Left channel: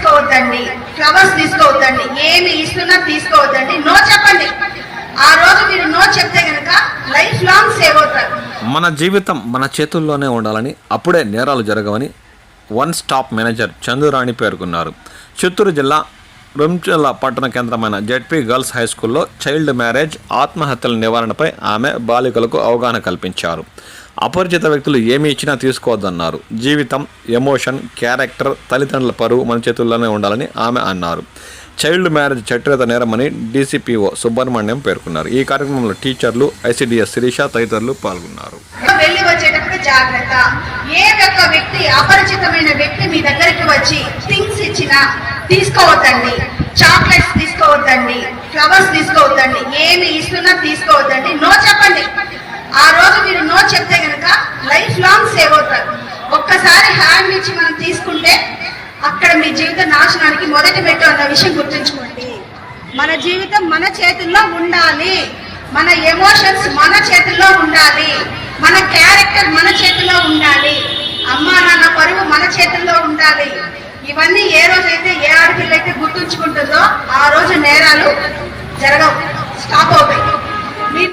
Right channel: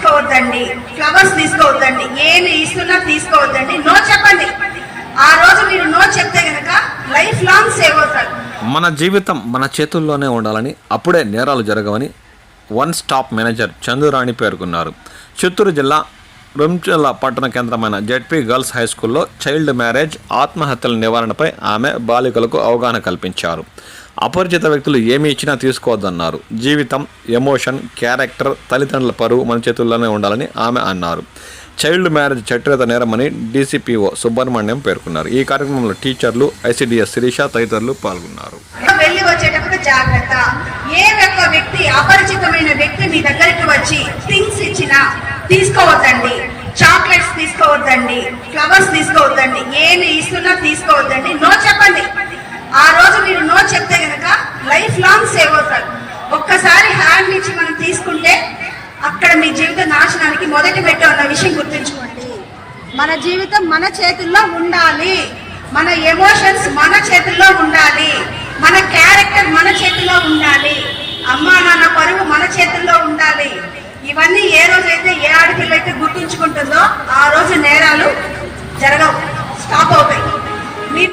తీసుకోవద్దండి, flowers తీసుకోవద్దండి, ఏమి ఇస్తున్నా తీసుకోవద్దండి, no చెప్పండి. ఆ రోజు మీరు నో చెప్తే గనక లైఫ్ లాంగ్ సేవ్ అవుతారు. మన జీవితం మన చేతుల్లోనే ఉండాలని, అప్పుడే నేరాలు జరగవని వన్ స్టాప్ మేనేజర్ చందురాణి పేర్కొన్నారు. చిత్తూరు జిల్లా రుంచల పట్టణ కేంద్రమైన జెడ్పీ గర్ల్స్ హై స్కూల్లో చైల్డ్ మ్యారేజ్, ఆత్మహత్యల నివారణపై ఆమె బాలికలకు అవగాహన కల్పించారు. అపరిచిత వ్యక్తులు ఏమి ఇచ్చినా తీసుకోవద్దన్నారు. జీవితం, ఎమోషన్, క్యారెక్టర్, తల్లిదండ్రుల పరువు మన చేతుల్లోనే ఉండాలని ఆమె అన్నారు. చైల్డ్ మ్యారేజ్ చట్టరీత నేరమని డీసీపీఓ సుబ్రహ్మణ్యం పేర్కొన్నారు. ఈ కార్యక్రమంలో టీచర్లు, ఐసీడీఎస్ శిరీష తదితరులు పాల్గొన్నారు. వెళ్ళి వచ్చేటప్పుడు జాగ్రత్త. ఏ ఒక్క వ్యక్తి, అపరిచితమైన వ్యక్తి మీ దగ్గరికి వచ్చి థింగ్స్ ఇచ్చినా తీసుకోవద్దండి, చాక్లెట్స్ తీసుకోవద్దండి, ఫ్లవర్స్ తీసుకోవద్దండి, ఏమి ఇస్తున్నా తీసుకోవద్దండి, నో చెప్పండి. ఆ రోజు మీరు నో చెప్తే గనక లైఫ్ లాంగ్ సేవ్ అవుతారు. ఒక్కసారి హ్యాండ్ ఇచ్చి మనం తీసుకుంటే అక్కడ మీ జీవిత నాశనానికి మొదటి పెట్టు అన్న విషయం గుర్తుంచుకోండి. మన జీవితం మన చేతుల్లో ఉండాలి, మన ఎమోషన్స్ మన చేతుల్లో ఉండాలి, మన క్యారెక్టర్ మన చేతుల్లో ఉండాలి, అమ్మా నాన్న పరువు మన చేతుల్లో ఉండాలి. ఇవన్నీ ఏ రోజైతే ఏ ఆడపిల్ల అయితే గుర్తుంచుకుంటుందో ఆ రోజు నేరాలు జరగవు, స్టాప్ అవుతాయి.